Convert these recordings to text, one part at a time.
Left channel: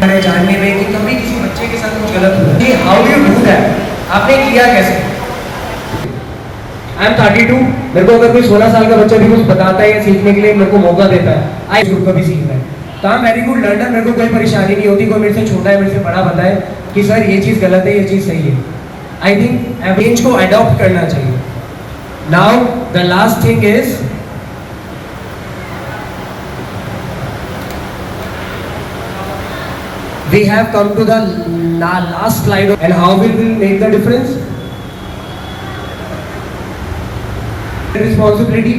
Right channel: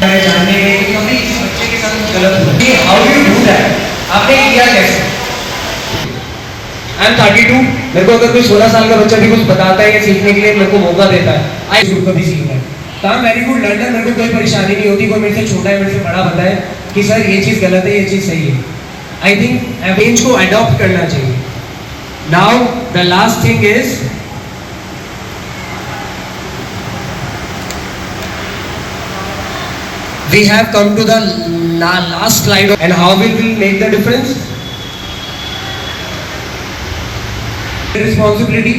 जानने में कि कभी किसी बच्चे के साथ कुछ गलत हुआ कि हाउ यू डू दैट, आपने किया कैसे? आई एम 32, मेरे को अगर कोई 16 साल का बच्चा भी कुछ बताता है या सीखने के लिए मेरे को मौका देता है, आई ग्रुप का भी सीखना है, तो I am very good learner, मेरे को कोई परेशानी नहीं होती। कोई मेरे से छोटा है, मेरे से बड़ा बताए कि सर ये चीज़ गलत है, ये चीज़ सही है। आई थिंक अवेंज को अडॉप्ट करना चाहिए। Now the last thing is we have come to the last slide, and how will we make the difference? Responsibility,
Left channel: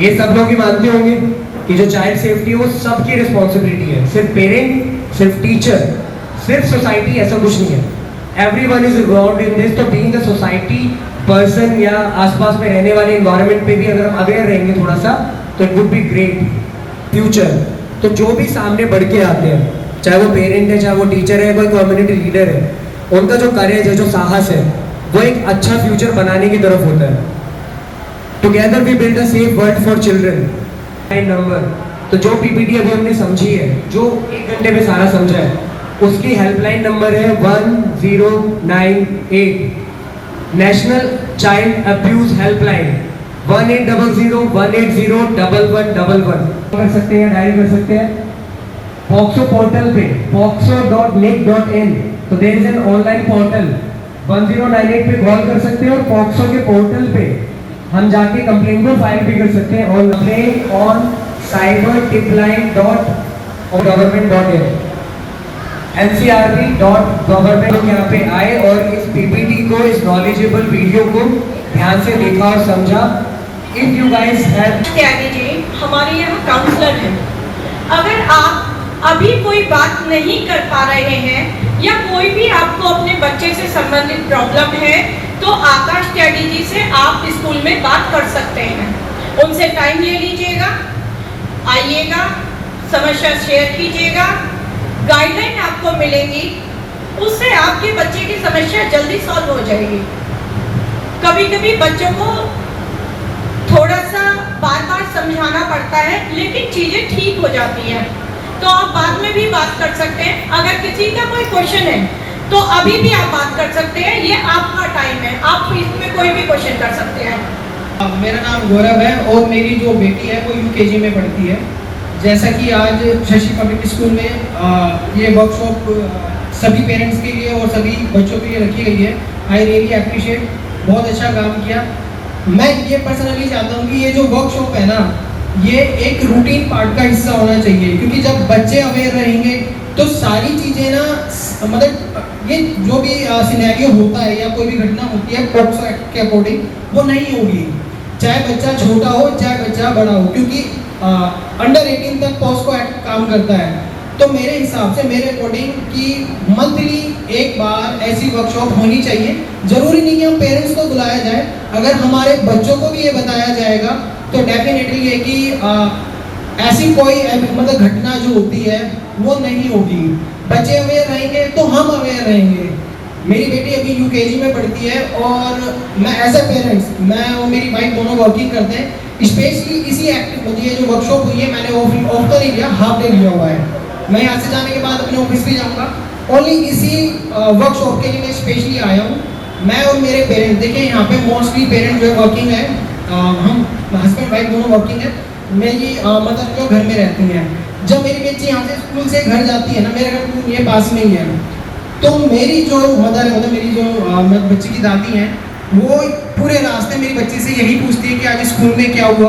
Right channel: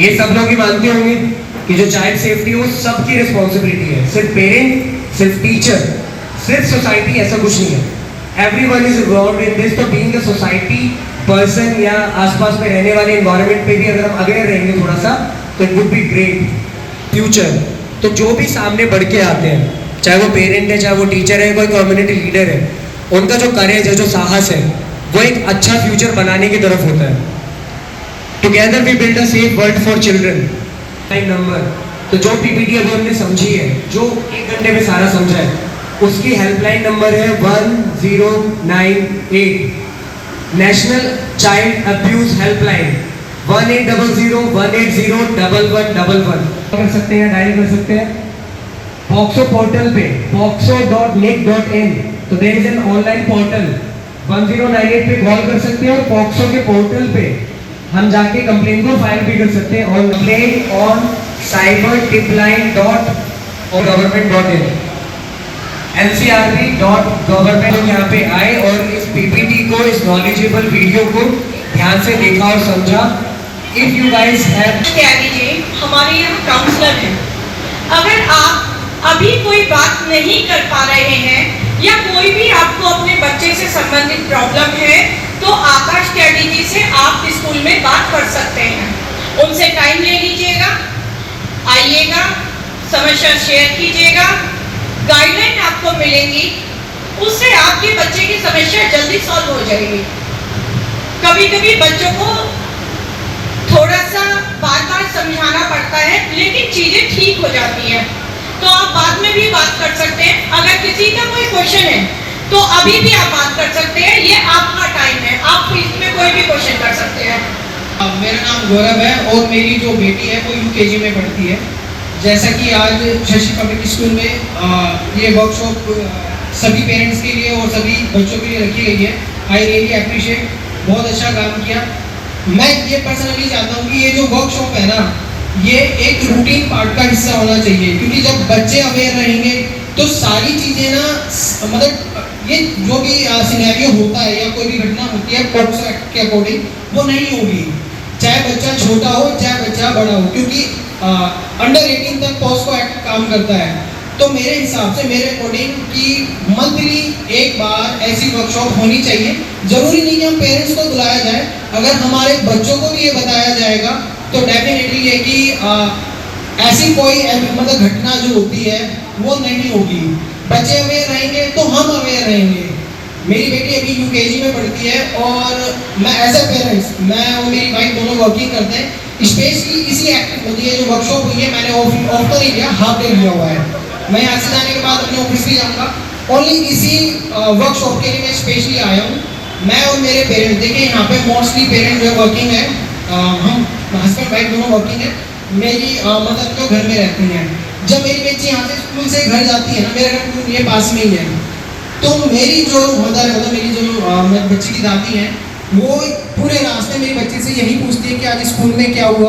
ये सब लोग ही मानते होंगे कि जो चाइल्ड सेफ्टी है वो सबकी रिस्पॉन्सिबिलिटी है, सिर्फ पेरेंट, सिर्फ टीचर, सिर्फ सोसाइटी, ऐसा कुछ नहीं है। Everyone is involved in this. तो बीइंग अ सोसाइटी पर्सन या आसपास में रहने वाले एनवायरनमेंट पे भी अगर हम अवेयर रहेंगे थोड़ा सा, तो it would be great future. तो जो भी सामने बढ़ के आते हैं, चाहे वो पेरेंट है, चाहे वो टीचर है, कोई कम्युनिटी लीडर है, उनका जो करेज है, जो साहस है, वो एक अच्छा फ्यूचर बनाने की तरफ होता है। Together we build a safe world for children. Number, तो जो पीपीटी अभी हमने समझी है, जो 1 घंटे में सारा समझा है, उसकी हेल्पलाइन नंबर है 1098, नेशनल चाइल्ड अब्यूज हेल्पलाइन 1800-180-1111 कर सकते हैं, डायल कर सकते हैं। पॉक्सो पोर्टल पे poxo.nic.in, तो there is an online portal, 1098 पे कॉल कर सकते हैं और पॉक्सो के पोर्टल पे हम जाके कंप्लेन को फाइल भी कर सकते हैं on complain on cybertipline.government.in, ncrb.government। यहाँ पे आए और इस पीपीटी को, इस नॉलेजेबल वीडियो को ध्यान से देखा और समझा। If you guys have, Tyagi ji हमारे यहाँ काउंसलर हैं, अगर आप अभी कोई बात नहीं कर पा रहे हैं या कोई भी आपको अपने बच्चे से संबंधित प्रॉब्लम है, तो आकाश त्यागी जी से आप स्कूल में बात कर सकते हैं। उनसे टाइम ले लीजिएगा, आइएगा, समस्या शेयर कीजिएगा, गाइडलाइन आपको मिलेंगी, उससे आपके बच्चे की समस्या जल्दी सॉल्व हो जाएगी। कभी कभी बच्चों को थोड़ा सा बार बार समझाना पड़ता है, लेकिन चीजें ठीक हो जाती हैं। तो आप बाद में भी बात कर सकते हैं। अगर किसी का कोई क्वेश्चन है तो अभी भी आप बात कर सकते हैं, ये आपका टाइम है, आप इसमें कोई भी क्वेश्चन कर सकते हैं। मेरा नाम गौरव है और मेरी जो बेटी है वो यूकेजी में पढ़ती है। जैसा कि आज शशि पब्लिक स्कूल में ये वर्कशॉप सभी पेरेंट्स के लिए और सभी बच्चों के लिए रखी गई है, आई रियली अप्रिशिएट, बहुत अच्छा काम किया। मैं ये पर्सनली चाहता हूँ कि ये जो वर्कशॉप है ना, ये एक रूटीन पार्ट का हिस्सा होना चाहिए, क्योंकि जब बच्चे अवेयर रहेंगे तो सारी चीज़ें ना, मतलब ये जो भी सिनेरियो होता है या कोई भी घटना होती है पॉक्सो एक्ट के अकॉर्डिंग, वो नहीं होगी, चाहे बच्चा छोटा हो चाहे बच्चा बड़ा हो, क्योंकि अंडर 18 तक पॉक्सो एक्ट काम करता है। तो मेरे हिसाब से, मेरे अकॉर्डिंग कि मंथली एक बार ऐसी वर्कशॉप होनी चाहिए। जरूरी नहीं कि हम पेरेंट्स को बुलाया जाए, अगर हमारे बच्चों को भी ये बताया जाएगा तो डेफिनेटली ये कि ऐसी कोई मतलब घटना जो होती है वो नहीं होगी। बच्चे अवेयर रहेंगे तो हम अवेयर रहेंगे। मेरी बेटी अभी यूकेजी में पढ़ती है और मैं एज ए पेरेंट्स, मैं और मेरी वाइफ दोनों वर्किंग करते हैं। स्पेशली इसी एक्टिव होती है जो वर्कशॉप हुई है, मैंने ऑफ तो नहीं लिया, हाफ डे लिया हुआ है। मैं यहाँ से जाने के बाद अपने ऑफिस भी जाऊँगा, ओनली इसी वर्कशॉप के लिए मैं स्पेशली आया हूँ। मैं और मेरे पेरेंट्स, देखिए यहाँ पे मोस्टली पेरेंट्स जो वर्किंग है, हम हस्बैंड वाइफ दोनों वर्किंग है। मेरी मदर जो घर में रहती हैं, जब मेरी बच्ची यहाँ से स्कूल से घर जाती है ना, मेरा घर ये पास में ही है, तो मेरी जो मदर, मतलब मेरी जो बच्ची की दादी हैं, वो पूरे रास्ते मेरी बच्ची से यही पूछती है कि आज स्कूल में क्या हुआ,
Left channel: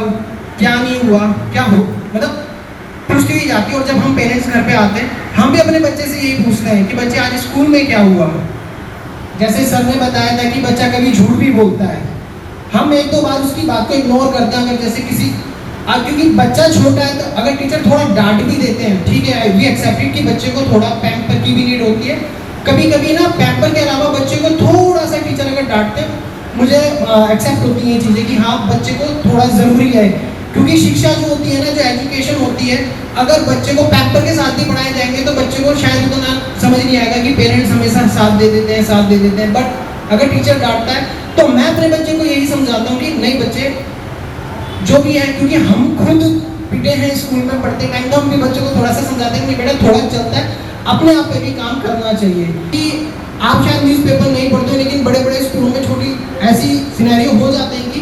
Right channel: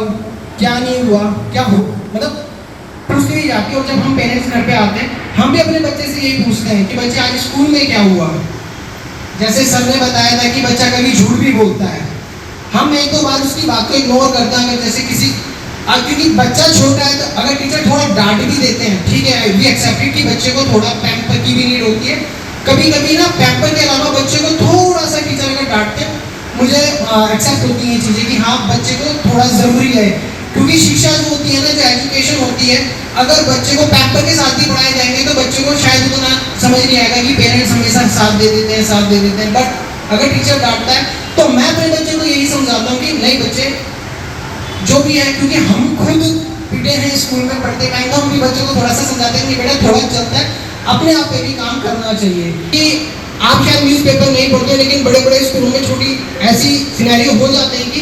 क्या नहीं हुआ, क्या हो, मतलब पूछती ही जाती है। और जब हम पेरेंट्स घर पे आते हैं, हम भी अपने बच्चे से यही पूछते हैं कि बच्चे आज स्कूल में क्या हुआ। जैसे सर ने बताया था कि बच्चा कभी झूठ भी बोलता है, हम एक दो बार उसकी बात को इग्नोर करते हैं। अगर जैसे किसी, क्योंकि बच्चा छोटा है तो अगर टीचर थोड़ा डांट भी देते हैं, ठीक है, वी एक्सेप्टेड कि बच्चे को थोड़ा पैम्पर की भी नीड होती है। कभी कभी ना पैम्पर के अलावा बच्चे को थोड़ा सा टीचर अगर डांटते, मुझे एक्सेप्ट होती है चीज़ें कि हाँ बच्चे को थोड़ा ज़रूरी है, क्योंकि शिक्षा जो होती है ना, जो एजुकेशन होती है, अगर बच्चे को पैम्पर के साथ ही पढ़ाए जाएंगे तो बच्चे को शायद उतना समझ नहीं आएगा कि पेरेंट्स हमेशा साथ दे देते हैं। बट अगर टीचर डांटता है तो मैं अपने बच्चे को यही समझाता हूँ कि नहीं बच्चे जो भी है, क्योंकि हम खुद पिटे हैं स्कूल में पढ़ते टाइम, तो हम भी बच्चों को थोड़ा सा समझाते हैं कि बेटा थोड़ा चलता है, अपने आप पे भी काम करना चाहिए कि आप शायद न्यूज़पेपर नहीं पढ़ते, लेकिन बड़े बड़े स्कूलों में छोटी ऐसी सिनेरियो हो जाते हैं कि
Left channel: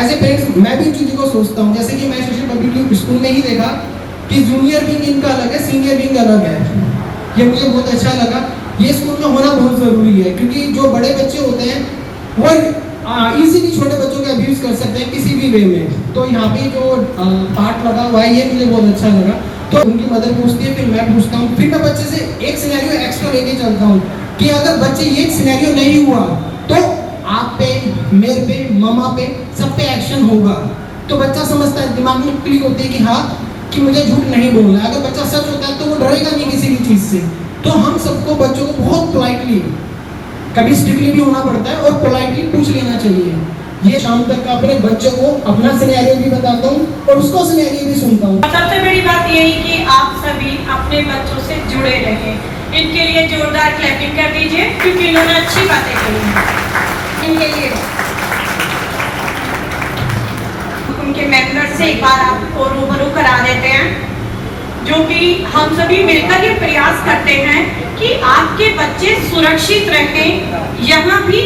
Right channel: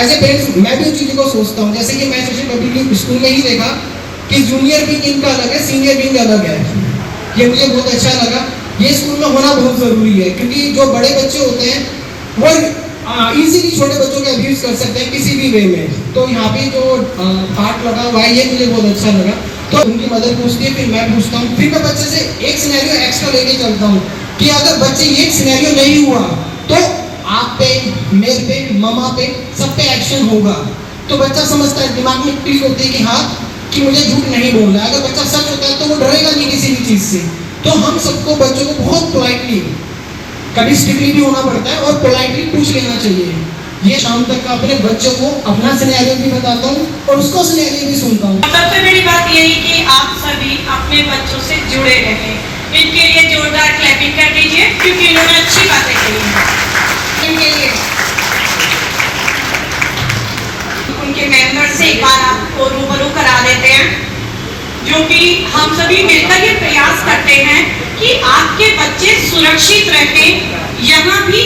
एज ए पेरेंट्स मैं भी उन चीज़ों को सोचता हूँ। जैसे कि मैं शशि पब्लिक स्कूल में ही देखा कि जूनियर विंग इनका अलग है, सीनियर विंग अलग है। ये मुझे बहुत अच्छा लगा। ये स्कूल में होना बहुत ज़रूरी है, क्योंकि जो बड़े बच्चे होते हैं वो इजीली छोटे बच्चों के अब्यूज़ कर सकते हैं किसी भी वे में। तो यहाँ पे जो पार्ट लगा हुआ है ये मुझे बहुत अच्छा लगा। तो उनकी मदर पूछती है, फिर मैं पूछता हूँ, फिर मैं बच्चे से एक सिनेरियो एक्स्ट्रा लेके चलता हूँ कि अगर बच्चे ये सिनेरियो नहीं हुआ तो आप पे, मेरे पे, ममा पे, सब पे एक्शन होगा। तो बच्चा समझता है, दिमाग में क्लिक होती है कि हाँ कि मुझे झूठ नहीं बोलना है। अगर बच्चा सच होता है तो वो डरेगा नहीं किसी भी चीज़ से। तो हम सबको बच्चों को बहुत पोलाइटली, कभी स्ट्रिक्टली भी होना पड़ता है और पोलाइटली पूछ लेना चाहिए। ये शाम तक अपने बच्चों को अपना सिनेरियो भी बताता हूँ और उसका सिनेरियो भी सुनता हूँ। सबसे बड़ी बात यही कि आप सभी अपने बच्चों से जुड़े रहें। इनके लिए जोरदार क्लैपिंग कर दीजिए, क्योंकि इन्होंने अच्छी बातें कही हैं। इनके लिए उनके मेंबर से एक बार आपको रूबरू करा देते हैं, जो कि हम सभी मिलकर ये प्रयास करते हैं कि आपके बच्चे सुरक्षित रहें, यहाँ भी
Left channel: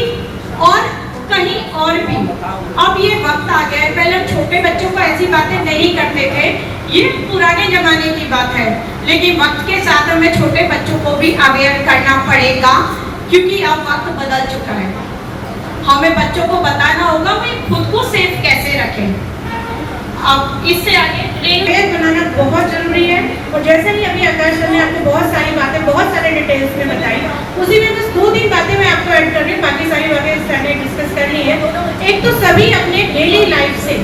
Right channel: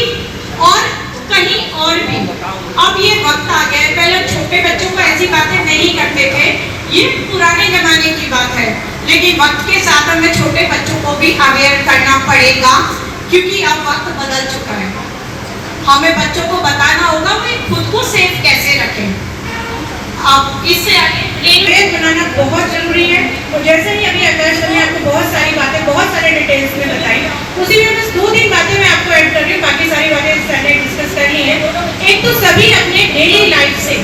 और कहीं और भी। अब ये वक्त आ गया है, पहले छोटे बच्चों को ऐसी बातें नहीं करते थे, ये पुराने जमाने की बात है, लेकिन वक्त के साथ हमें छोटे बच्चों को भी अवेयर करना पड़ेगा, क्योंकि अब वक्त बदल चुका है। हमें बच्चों को बताना होगा वे खुद को सेफ कैसे रखें। अब इससे आगे रेलवे बनाना बहुत जरूरी है। और जैसे कि अभी आकाश ने आपको बहुत सारी बातें बहुत सारे डिटेल्स में बताई, उसी में बस 2-3 बातें मैं आपको ऐड कर रही हूँ, बाकी सारी बातें मैंने डिस्कस कर ली है। एक तो सभी अपने डेली लाइफ से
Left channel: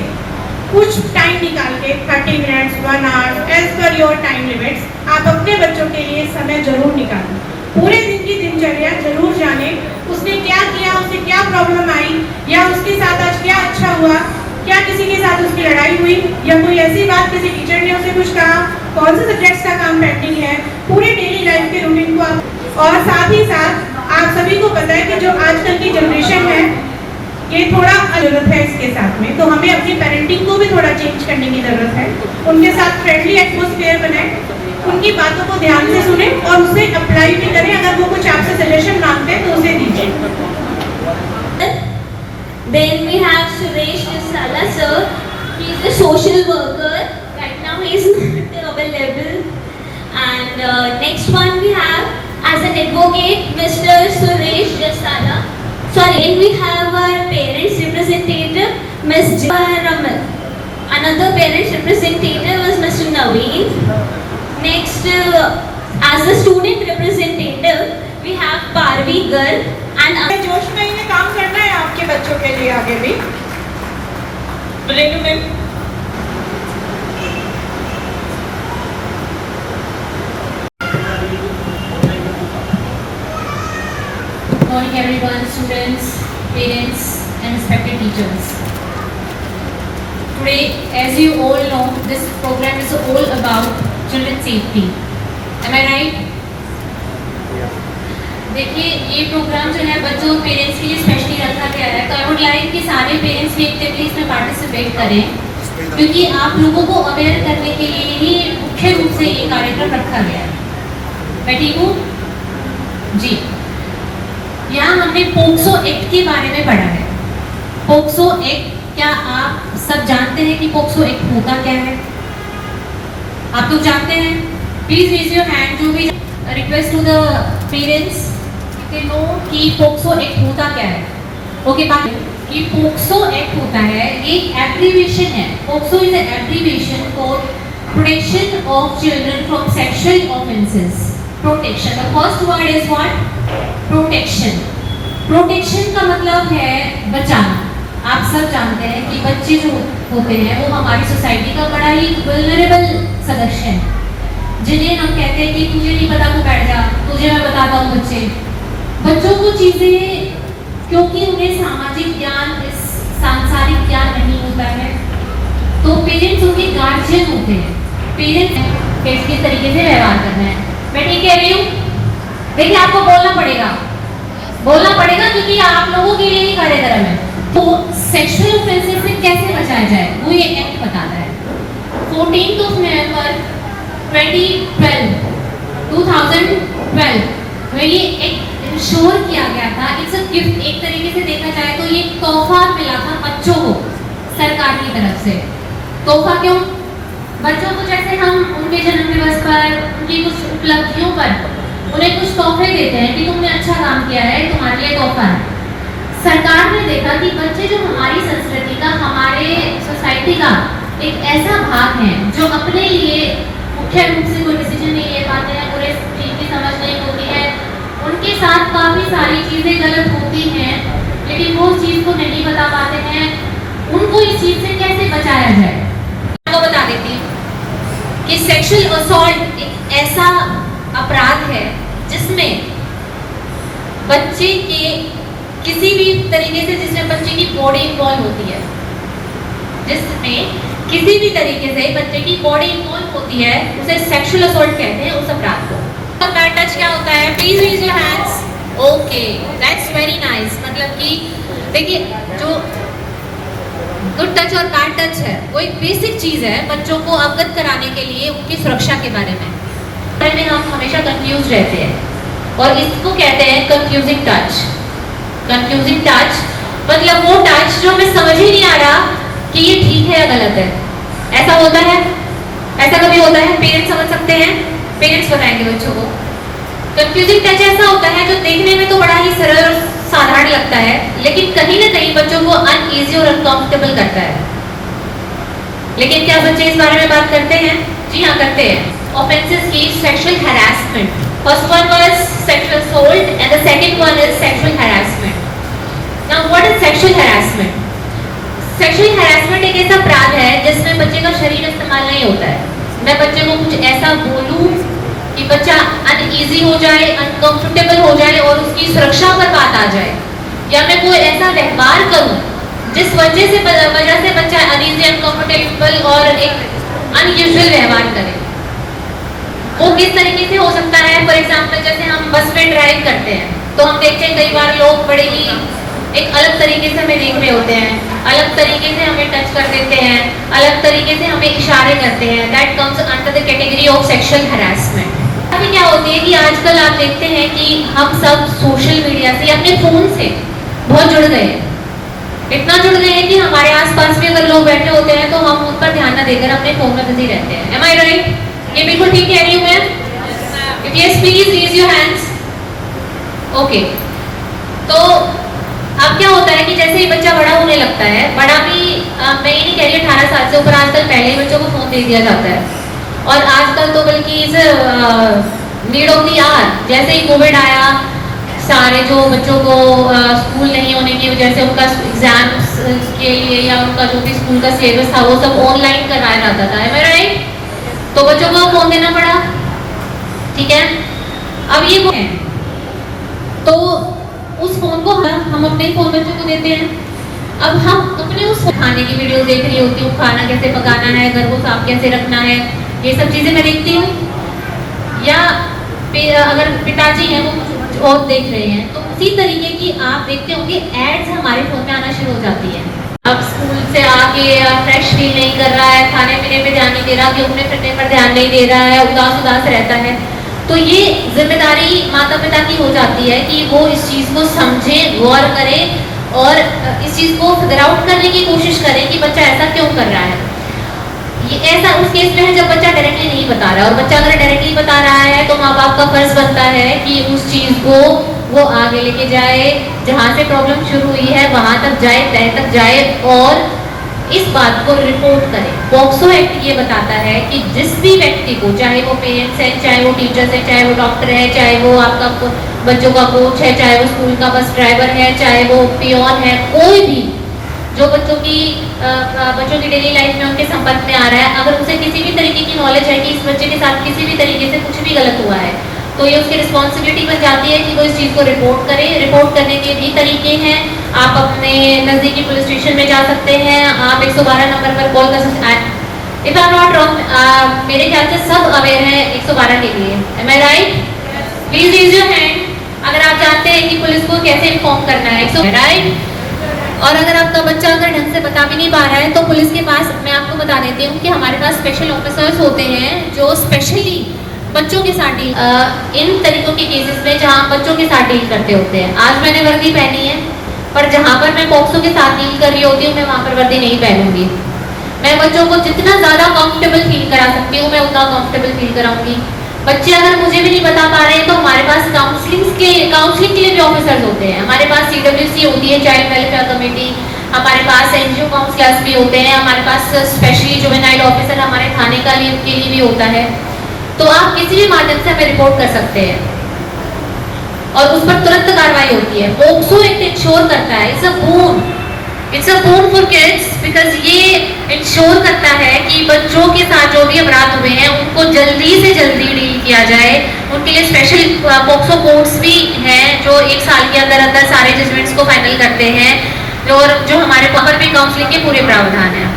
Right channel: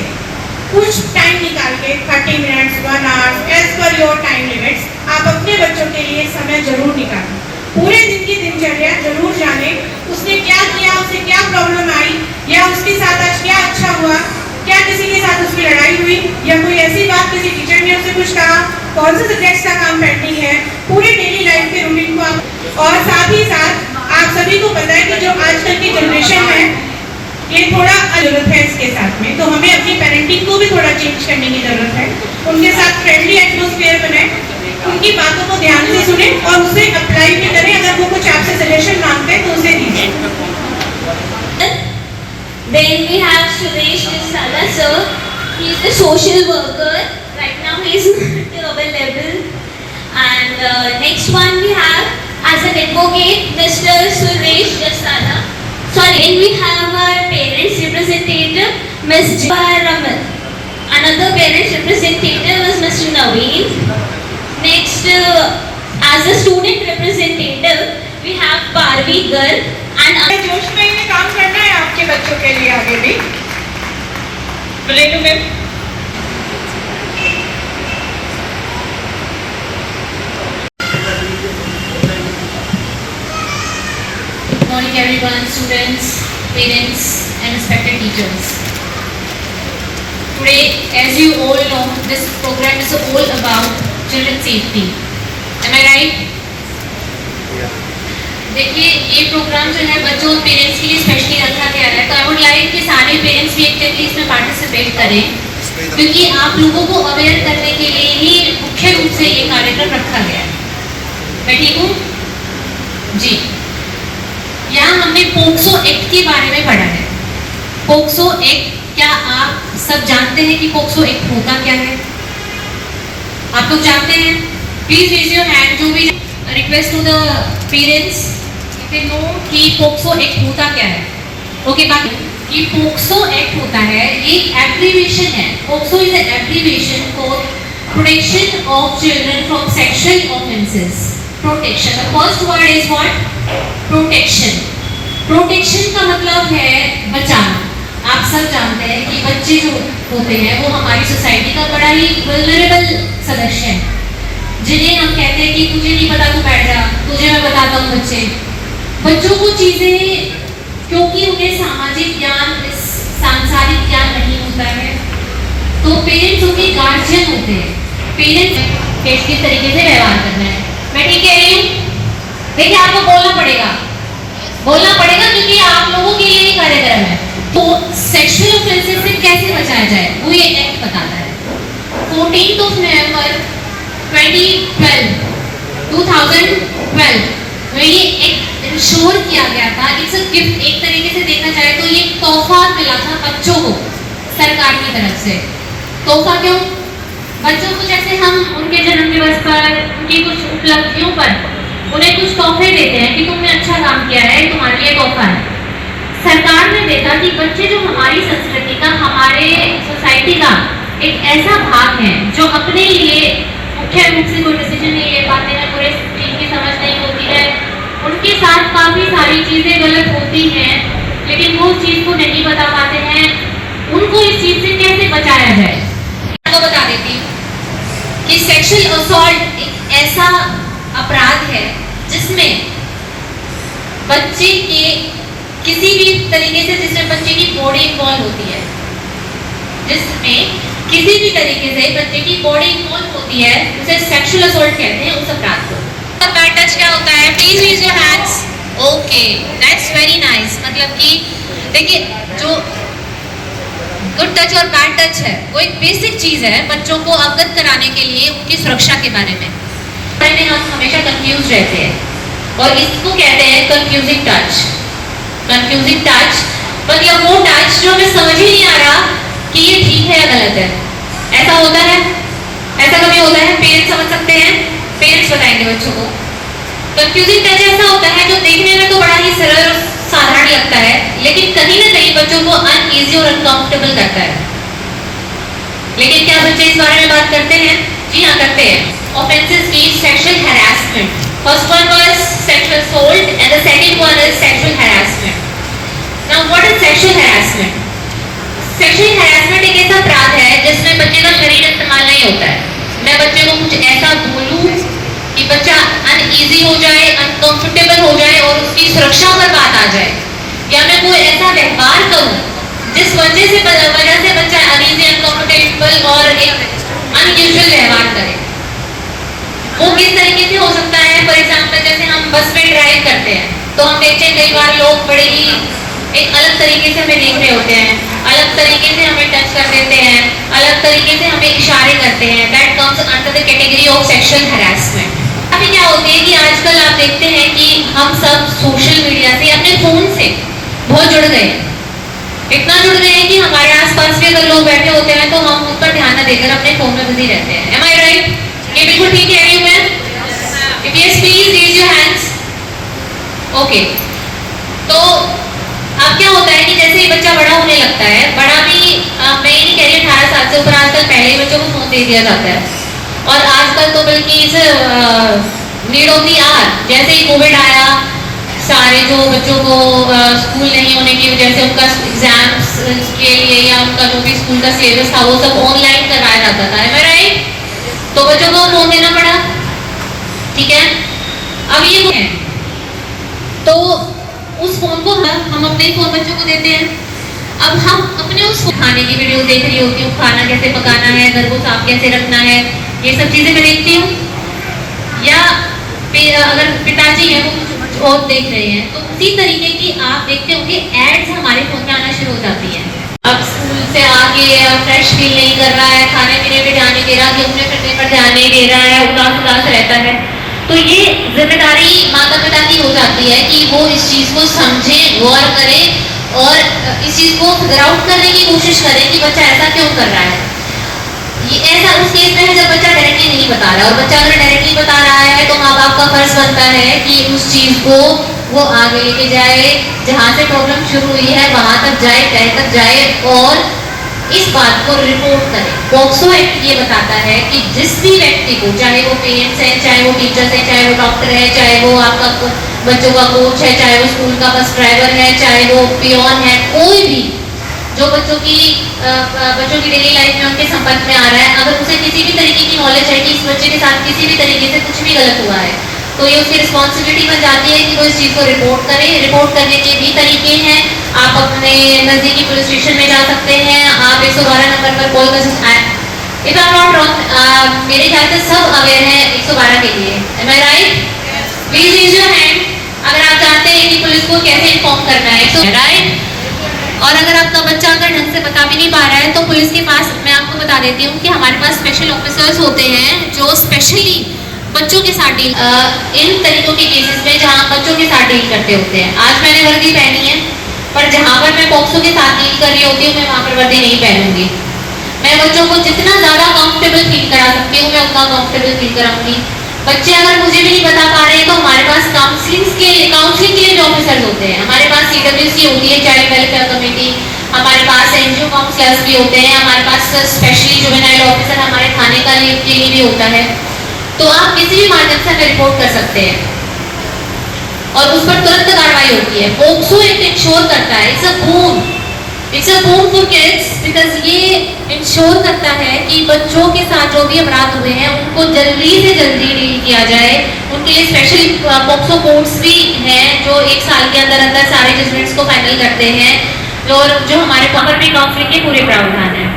कुछ टाइम निकाल के 30 minutes 1 hour as per your time limits आप अपने बच्चों के लिए समय जरूर निकालें। पूरे दिन की दिनचर्या जरूर जाने, उसने क्या किया, उससे क्या प्रॉब्लम आई, या उसके साथ आज क्या अच्छा हुआ, क्या किसी के साथ उसकी लड़ाई हुई, या कोई ऐसी बात किसी टीचर ने उसे कुछ कहा, कौन से सब्जेक्ट्स का काम पेंडिंग है, पूरे डेली लाइफ के रूटीन को आप। और साथ ही साथ आप सभी को पता है कि जो आजकल की जनरेशन है ये थोड़ा जरूरत है इसके साथ में, तो हमें अपनी पेरेंटिंग को भी थोड़ा चेंज करने की जरूरत है। उनके साथ फ्रेंडली एटमॉस्फेयर बनाए, उनकी बातों को ध्यान से सुने और उसे अप्लाई भी करें। अगर वो कुछ आपसे सजेशन मांगते हैं तो उसे दीजिए। Then we have Suresh Sala sir. He is a social worker. Right now he is not available. And next one we have as an advocate Mr. Suresh Sala. Sorry, then we have our parents representative Ms. Jaya Raman. Another parents representative is Mr. Naveen. Next, as a student representative we have Parvi Garg. And जोश में इन्हें काम करना है आपके बच्चों के लिए आगे भी। Good morning everyone, students, parents and respected teachers. Today, as you all know, this program is all about children safety. Am I right? देखिए, ये प्रोग्राम जो है बच्चों और पेरेंट्स के लिए स्पेशली रखा गया है, तो आई वुड लाइक कि सारे पेरेंट्स भी एक्टिवली इसमें पार्टिसिपेट करें, क्योंकि आप लोगों को अवेयर करने के लिए ही मुख्य रूप से ये कार्यक्रम रखा गया है। मैं ठीक हूँ जी। यहाँ हमने पोक्सो एक्ट के बारे में पढ़ा है। पोक्सो एक्ट, क्या आप सब जानते हैं कि पोक्सो एक्ट होता क्या है? आप लोग जानते हैं? Please raise your hand. जो भी request to the parents know कि पोक्सो एक्ट होता क्या है। ओके, बाकी कि पोक्सो एक्ट होता है, ये एब्रीविएशन है। POCSO is an abbreviation for protection of children from sexual offences. Protection, the first word is what? Protection. Protection का मतलब है बचाना। आप सब जानते हैं कि बच्चे जो होते हैं वो हमारी सोसाइटी का बड़ा ही वल्नरेबल सदस्य है, जिन्हें हम कहते हैं कि तुझे नहीं पता, तू बैठ जा, तुझे मैं बताता हूँ। बच्चों को चीज़ें, क्योंकि उन्हें सामाजिक ज्ञान, सांसारिक ज्ञान नहीं होता है, तो पेरेंट्स उनके गार्जियन होते हैं। पेरेंट्स किस तरीके से व्यवहार करना है। मैं ठीक कह रही हूँ? देखिए, आपको बोलना पड़ेगा क्योंकि आप लोगों के लिए ही कार्यक्रम है। तो सेक्सुअल ऑफेंसेस से कैसे बचाया जाए वो ये एक्ट बताता है। 14 नवंबर 2012 2012 में ये एक इंश्योर किया गया था, इट्स अ गिफ्ट, एक तरीके से देखा जाए तो ये तोहफा मिला था बच्चों को सरकार की तरफ से। तोहफा क्यों? बच्चों को जैसे हम उनके जन्म दिवस पर, उनकी कुछ उपलब्धियों पर उन्हें कुछ तोहफे देते हैं कि तुमने अच्छा काम किया है, तुम्हारे लिए तोहफा है। सरकार ने देखा कि बच्चे जो हमारी संस्कृति का, हमारे सोसाइटी का एक ऐसा भाग है जो अपने लिए मुख्य रूप से कोई डिसीजन नहीं ले पाते हैं, पूरे चीज की समझ नहीं होती है, उनके साथ काफी सारी चीजें गलत होती हैं, लेकिन वो उस चीज को नहीं बता पाते हैं, उनको इस चीज से कैसे बचाया जाए। आपको बता देती हूँ कि सेक्सुअल असॉल्ट एक ऐसा अपराध है जिसमें बच्चे के किसी भी तरीके से, जिसमें बच्चे की बॉडी इन्वॉल्व होती है, जिसमें किसी भी तरीके से बच्चे की बॉडी इन्वॉल्व होती है, उसे सेक्सुअल असॉल्ट कहते हैं, उस अपराध को। तो बैड टच क्या होता है? Please raise your hands. Okay, that's very nice. मतलब कि देखिए, जो गुड टच और बैड टच है वो एक बेसिक चीज है बच्चों को अवगत कराने के लिए, उनकी सुरक्षा के बारे में। हम हमेशा कंफ्यूज रहते हैं और इसको कहते हैं कंफ्यूजिंग टच। कंफ्यूजिंग टच मतलब वो टच जो हमें समझ ही नहीं आ रहा कि ये ठीक है या गलत है। ऐसा होता है, ऐसा कभी होता है? पेरेंट्स समझ सकते हैं, पेरेंट्स बताएंगे बच्चों को। कंफ्यूजिंग टच ऐसा होता है जो देखने में तो बड़ा ही सरल और साधारण लगता है, लेकिन कहीं ना कहीं बच्चों को अनईजी और अनकंफर्टेबल करता है। लेकिन क्या बच्चे इस बारे में बात करते हैं? जी हाँ, करते हैं। Offenses mean sexual harassment. First one was sexual assault and the second one is sexual harassment. Now what is sexual harassment? Sexual harassment एक ऐसा अपराध है जिसमें बच्चे का शरीर इस्तेमाल नहीं होता है। मैं बच्चे को कुछ ऐसा बोलूं कि बच्चा अनईजी हो जाए, अनकंफर्टेबल हो जाए और उसकी सुरक्षा पर बात आ जाए, या मैं कोई ऐसा व्यवहार करूं जिस वजह से बच्चा अनईजी, अनकंफर्टेबल और एक अनयूजुअल व्यवहार करे। वो किस तरीके से हो सकता है? फॉर एग्जाम्पल, जैसे हम बस में ड्राइव करते हैं तो हम देखते हैं कई बार लोग बड़े ही एक अलग तरीके से हमें देख रहे होते हैं, अलग तरीके से हमें टच कर देते हैं, अलग तरीके से हमें इशारे करते हैं। That comes under the category of sexual harassment. अभी क्या होती है कि आजकल आप देखते हैं कि हम सब सोशल मीडिया से, अपने फोन से बहुत जुड़ गए, इतना जुड़ गए हैं कि हमारे आसपास भी अगर लोग बैठे होते हैं तो हम उन पर ध्यान न देकर अपने फोन में बिजी रहते हैं। Am I right? ये बिल्कुल ठीक है everyone? If yes, please raise your hands. Okay. तो अब क्या होता है कि जैसे ही बच्चा बड़ा होने लगता है, बड़ा भी मैं ये नहीं कह रही 18 साल से ऊपर, आजकल पहले ही बच्चों को फोन दे दिया जाता है, और आजकल तो बल्कि इस नीड ऑफ द आवर, जैसे ही कोविड आया, सारे जो बच्चों को स्कूल नहीं होने की वजह से उनका एग्जाम्स के लिए या उनका जो भी स्कूल का सिलेबस था वो सब ऑनलाइन करवाया जाता था। Am I right? तो बच्चों को फोन देना पड़ा, ठीक है। अब ये है तो उस फोन को हम अपने ही फोन बच्चों को देते हैं। अब हम अपने उस खाने की वीडियो देख रही होती हूँ, खाना कैसे पकाना है, घर को साफ कैसे रखना है, ये सब चीजें मैं देखती हूँ। या अगर पिताजी हैं वो कुछ और देख रहे हैं, तो उसी तरीके की आप देखते होंगे एड्स हमारे फोन में आना शुरू हो जाती है। अब स्कूल से आके फ्रेश फील नहीं कर रहा है, खाने पीने पे ध्यान नहीं दे रहा, घूमने फिरने पर ध्यान नहीं दे रहा है, उदास उदास रहता है, तो ये जिम्मेदारी माता पिता की हो जाती है कि वो इस चीज को समझे, गौर करे और इस चीज को फिगर आउट करने की कोशिश करें कि बच्चा ऐसा क्यों कर रहा है। ये ऐसा उस केस में है जब बच्चा डायरेक्टली नहीं बता रहा है, और बच्चा अगर डायरेक्टली बता रहा है तो माँ बाप का फर्ज बनता है कि उस चीज को वो आगे लेके जाए, जहाँ से प्रॉब्लम शुरू हुई है वहां तक जाए, तय तक जाए और इस बात को रिपोर्ट करे। पॉक्सो एक्ट ये बताता है कि जिस भी व्यक्ति को, चाहे वो पेरेंट्स है, चाहे वो टीचर्स है, चाहे वो डॉक्टर है, चाहे वो आपका बच्चों का कोच है, चाहे वो स्कूल का बस ड्राइवर है, चाहे वो पियोन है, कोई भी जो बच्चों की डेली लाइफ में उनके संपर्क में आ रहा है, अगर उसे किसी भी तरीके की नॉलेज है कि इस बच्चे के साथ किसी भी तरीके से कुछ भी गलत हुआ है, तो ये उसकी रिस्पॉन्सिबिलिटी बन जाती है कि वो इस चीज़ को रिपोर्ट करे। रिपोर्ट करने के भी तरीके हैं, आप अपने नज़दीकी पुलिस स्टेशन में जा सकते हैं, आप 112 नंबर पर कॉल कर सकते हैं। If I am not wrong, मेरे ख्याल से सब अवेयर हैं 112 के लिए। Am I right? Please raise your hand अगर आप जानते हैं कि पुलिस को कैसे इन्फॉर्म करना है, राइट? और अगर आपका बच्चा अगर ढंग से बता भी नहीं पा रहा है तो पुलिस के पास, मैं आपको बता देती हूँ कि हमारे पास स्पेशल ऑफिसर्स होते हैं जो स्पेशली बच्चों के साथ डील इन तरीकों के केसेस में जहाँ बच्चों के साथ डील करते होते हैं। आज मैंने वर्दी पहनी है, पर जहाँ पर मैं पॉक्सो के साथ डील कर रही होती हूँ मैं वहाँ पर वर्दी नहीं पहनूंगी। मैं बच्चों को जितना ज़्यादा कंफर्टेबल फील करा सकती हूँ मैं उतना कंफर्टेबल फील कराऊंगी। बच्चे अगर मुझे भी नहीं बता पा रहे हैं तो हमारे पास काउंसलिंग के लिए भी ऑफिसर्स होते हैं। हमारे पास CWC होती है, चाइल्ड वेलफेयर कमेटी, हमारे पास NGO काउंसलर्स भी होते हैं, हमारे पास स्पेशली जुवेनाइल ऑफिसर हमारे थाने के लिए भी होता है। तो आप किसी भी माध्यम से हमें रिपोर्ट कर सकते हैं और उस पर तुरंत कार्रवाई होती है। पोक्सो एक्ट इंश्योर करता है, it's a boon for kids, because ये इंश्योर करता है कि बच्चों के साथ जो भी अपराध हुए हैं उनको जल्दी से जल्दी डील किया जाए। उनके लिए स्पेशल पोक्सो कोर्ट्स भी हैं जो 1 साल के अंदर अंदर सारे जजमेंट्स को फाइनल करते हैं, और जो हमारे पर भी काउंसलिंग के पूरे प्रावधान हैं।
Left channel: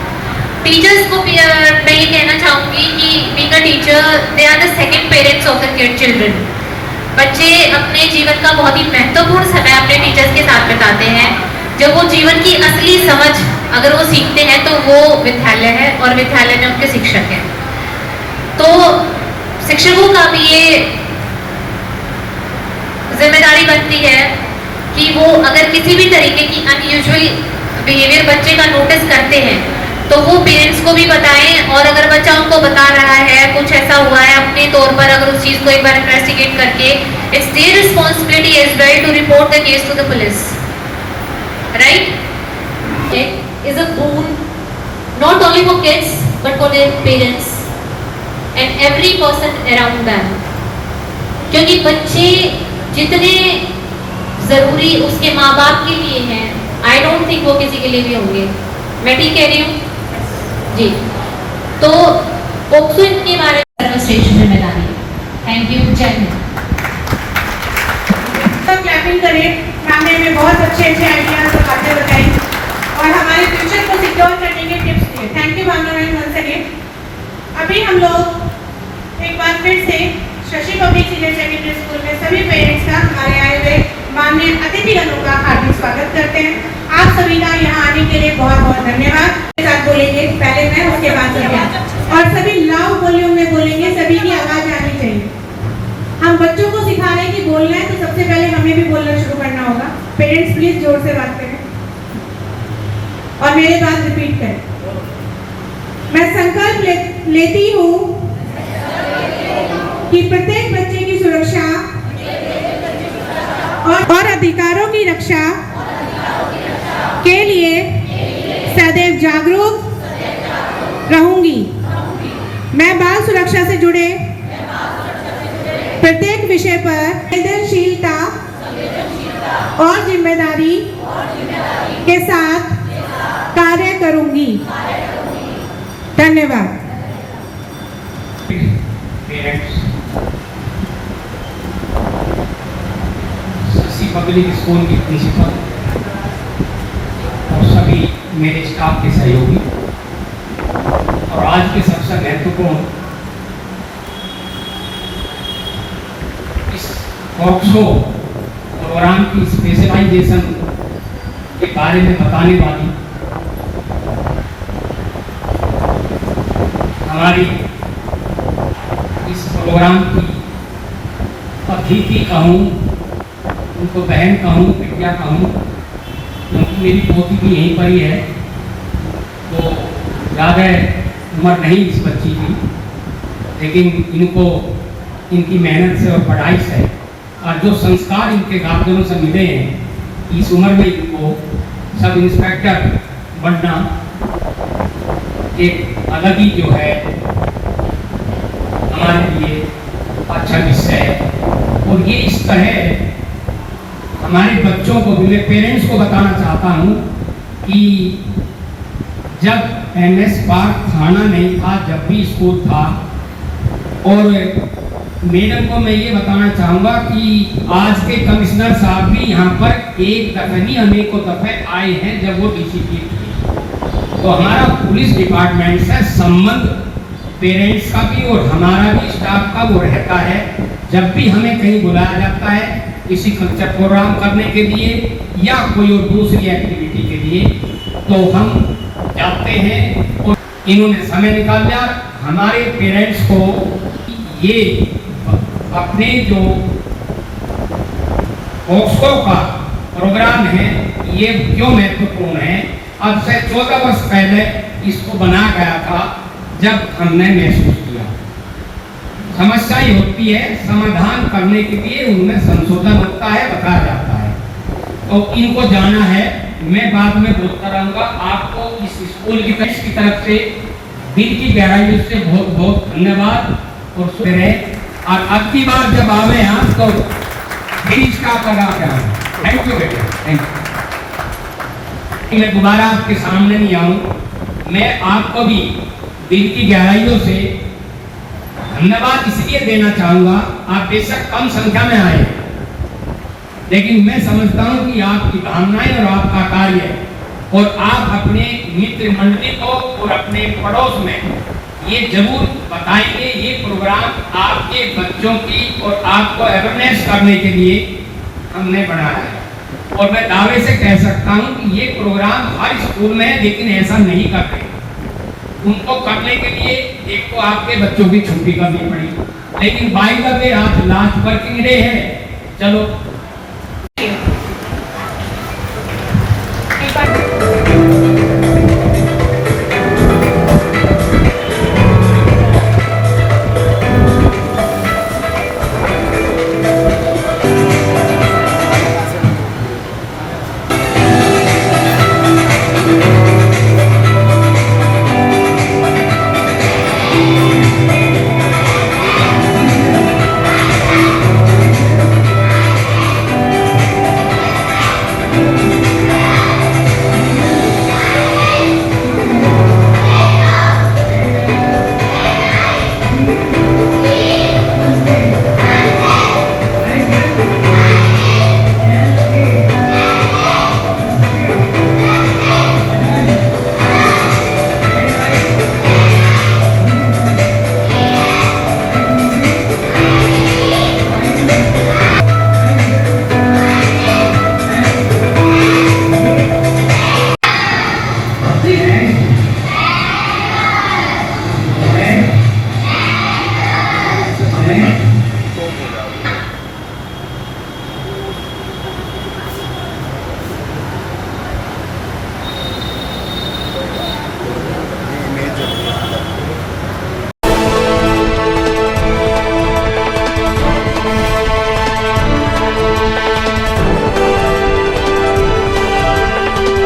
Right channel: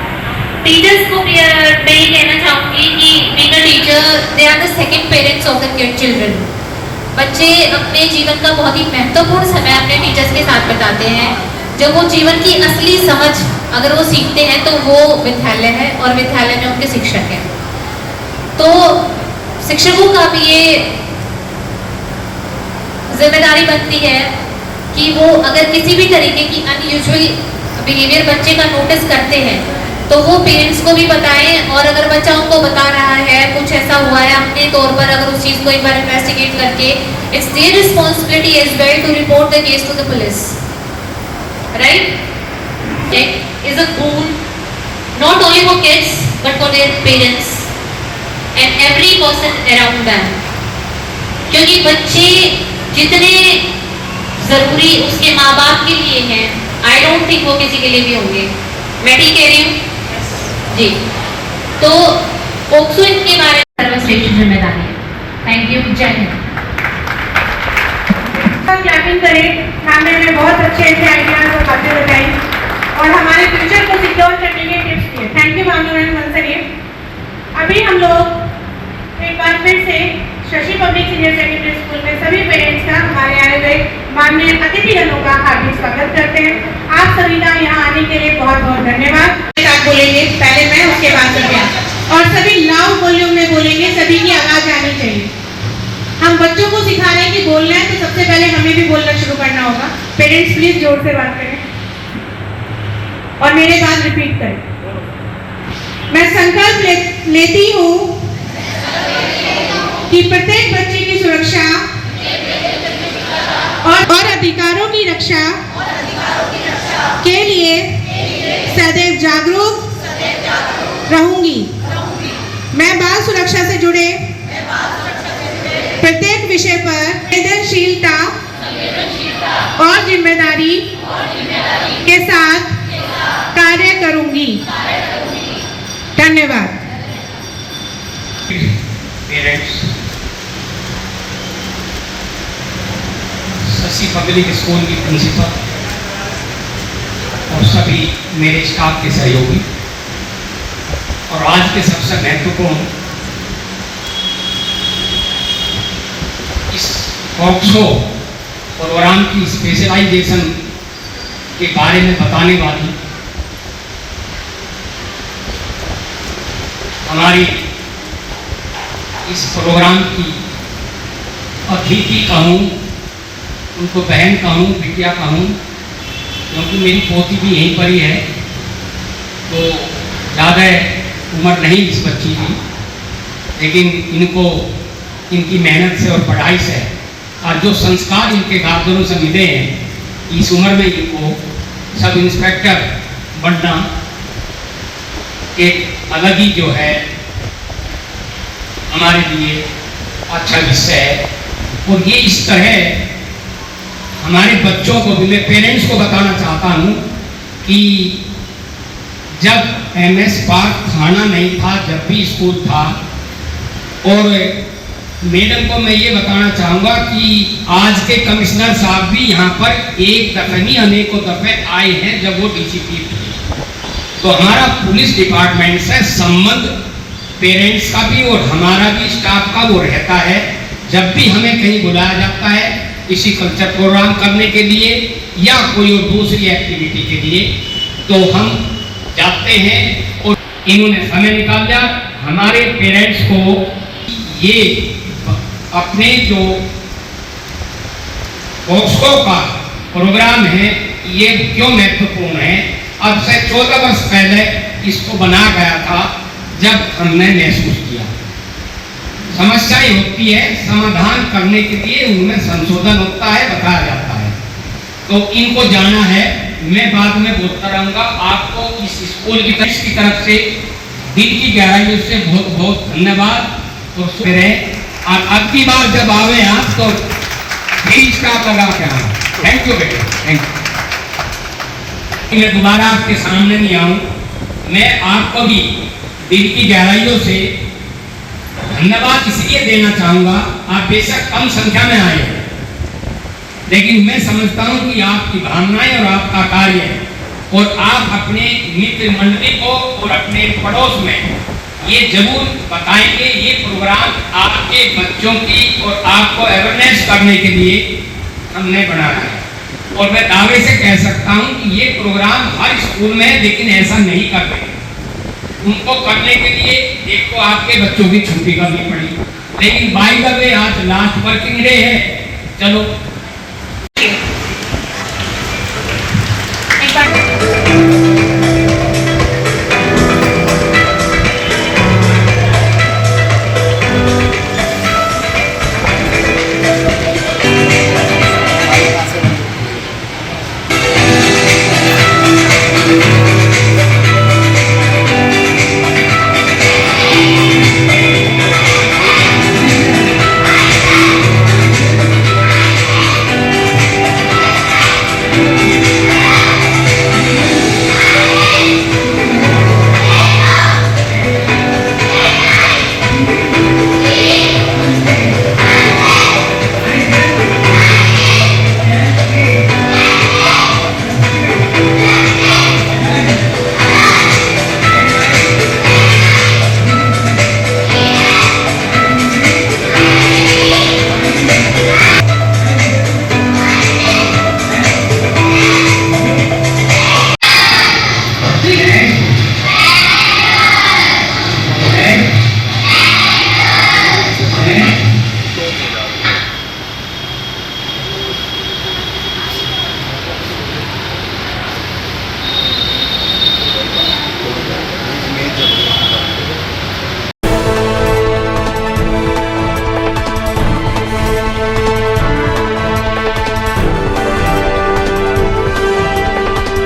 टीचर्स को मैं ये कहना चाहूँगी कि being a teacher they are the second parents of the children. बच्चे अपने जीवन का बहुत ही महत्वपूर्ण समय अपने टीचर्स के साथ बिताते हैं। जब वो जीवन की असली समझ अगर वो सीखते हैं तो वो विद्यालय है, और विद्यालय में उनके शिक्षक हैं। तो शिक्षकों का भी ये जिम्मेदारी बनती है कि वो अगर किसी भी तरीके की अनयूजुअल बिहेवियर बच्चे का नोटिस करते हैं तो वो पेरेंट्स को भी बताएं, और अगर बच्चा उनको बता रहा है कुछ ऐसा हुआ है अपने तौर पर, अगर उस चीज़ को एक बार इन्वेस्टिगेट करके, it's their responsibility as well to report the case to the police, right. It is a boon not only for kids but for their parents and every person around them, क्योंकि बच्चे जितने जरूरी उसके माँ बाप के लिए हैं, आई डोंट थिंक वो किसी के लिए भी होंगे। मैं ठीक कह रही हूँ जी। तो पोक्सो के बारे में सर्वश्रेष्ठ जिम्मेदारी है। थैंक यू, जय हिंद। क्लैपिंग करें, मैम ने हमें बहुत अच्छे आइडियाज और बातें बताई और हमारे फ्यूचर को सिक्योर करने के टिप्स दिए। Thank you ma'am once again. अभी हम लोग एक बार फिर से Shashi public senior secondary school में सभी पेरेंट्स का हमारे आए हुए माननीय अतिथिगणों का हार्दिक स्वागत करते हैं। आप सभी का यहाँ आने के लिए बहुत बहुत धन्यवाद। बोलेंगे पहले मैं, उसके बाद सभी, और सभी लाउड वॉल्यूम में बोलेंगे, सभी की आवाज आनी चाहिए। हम बच्चों को सिखा रहे हैं कि बोलना है तो सबसे पहले हमें भी बोलना शुरू करना होगा। पेरेंट्स प्लीज जोर से बात करें और मेरे बाद रिपीट करें। मैं संकल्प लेती हूँ कि प्रत्येक बच्चे की सुरक्षा और अधिकारों की रक्षा के लिए सदैव जागरूक रहूंगी। मैं बाल सुरक्षा से जुड़े प्रत्येक विषय पर संवेदनशीलता और जिम्मेदारी के साथ कार्य करूंगी। धन्यवाद। पेरेंट्स, शशि पब्लिक स्कूल की प्रिंसिपल और सभी मेरे स्टाफ के सहयोगी, और आज के सबसे महत्वपूर्ण इस पोक्सो प्रोग्राम की स्पेशलाइजेशन के बारे में बताने वाली हमारी इस प्रोग्राम की अतिथि कहूँ, उनको बहन कहूँ, बिटिया कहूँ, क्योंकि मेरी पोती भी यहीं पर ही है, तो ज़्यादा उम्र नहीं इस बच्ची की, लेकिन इनको इनकी मेहनत से और पढ़ाई से और जो संस्कार इनके गार्जियनों से मिले हैं, इस उम्र में इनको सब इंस्पेक्टर बनना एक अलग ही जो है हमारे लिए अच्छा विषय है। और ये इस तरह हमारे बच्चों को भी, मैं पेरेंट्स को बताना चाहता हूँ कि जब MS पार्क थाना नहीं था, जब भी स्कूल था, और मैडम को मैं ये बताना चाहूँगा कि आज के कमिश्नर साहब भी यहाँ पर एक दफ़े नहीं अनेकों दफ़े आए हैं जब वो DCP थे। तो हमारा पुलिस डिपार्टमेंट से संबंध पेरेंट्स का भी और हमारा भी स्टाफ का वो रहता है। जब भी हमें कहीं बुलाया जाता है किसी कल्चर प्रोग्राम करने के लिए या कोई और दूसरी एक्टिविटी के लिए, तो हम जाते हैं। और इन्होंने समय निकाल लिया हमारे पेरेंट्स को ये अपने जो पॉक्सो का प्रोग्राम है ये क्यों महत्वपूर्ण है। अब से 14 वर्ष पहले इसको बना गया था जब हमने महसूस किया समस्याएं होती है, समाधान करने के लिए उनमें संशोधन होता है, बताया जाता है, तो इनको जाना है। मैं बाद में बोलता रहूँगा। आपको इस स्कूल की तरफ से दिल की गहराइयों से बहुत बहुत धन्यवाद और शुक्र है। और अब की बार जब आवे आप तो स्टाफ लगा के आना। थैंक यू बेटा, थैंक यू। मैं दोबारा आपके सामने नहीं आऊँ, मैं आपको भी दिल की गहराइयों से धन्यवाद इसलिए देना चाहूँगा। आप बेशक कम संख्या में आए, लेकिन मैं समझता हूँ कि आपकी भावनाएं और आपका कार्य और आप अपने मित्र मंडली को और अपने पड़ोस में ये जरूर बताएंगे। ये प्रोग्राम आपके बच्चों की और आपको अवेयरनेस करने के लिए हमने बनाया है। और मैं दावे से कह सकता हूँ कि ये प्रोग्राम हर स्कूल में है, लेकिन ऐसा नहीं करते। उनको करने के लिए एक तो आपके बच्चों की छुट्टी करनी पड़ी, लेकिन बाई द वे आज लास्ट वर्किंग डे है। चलो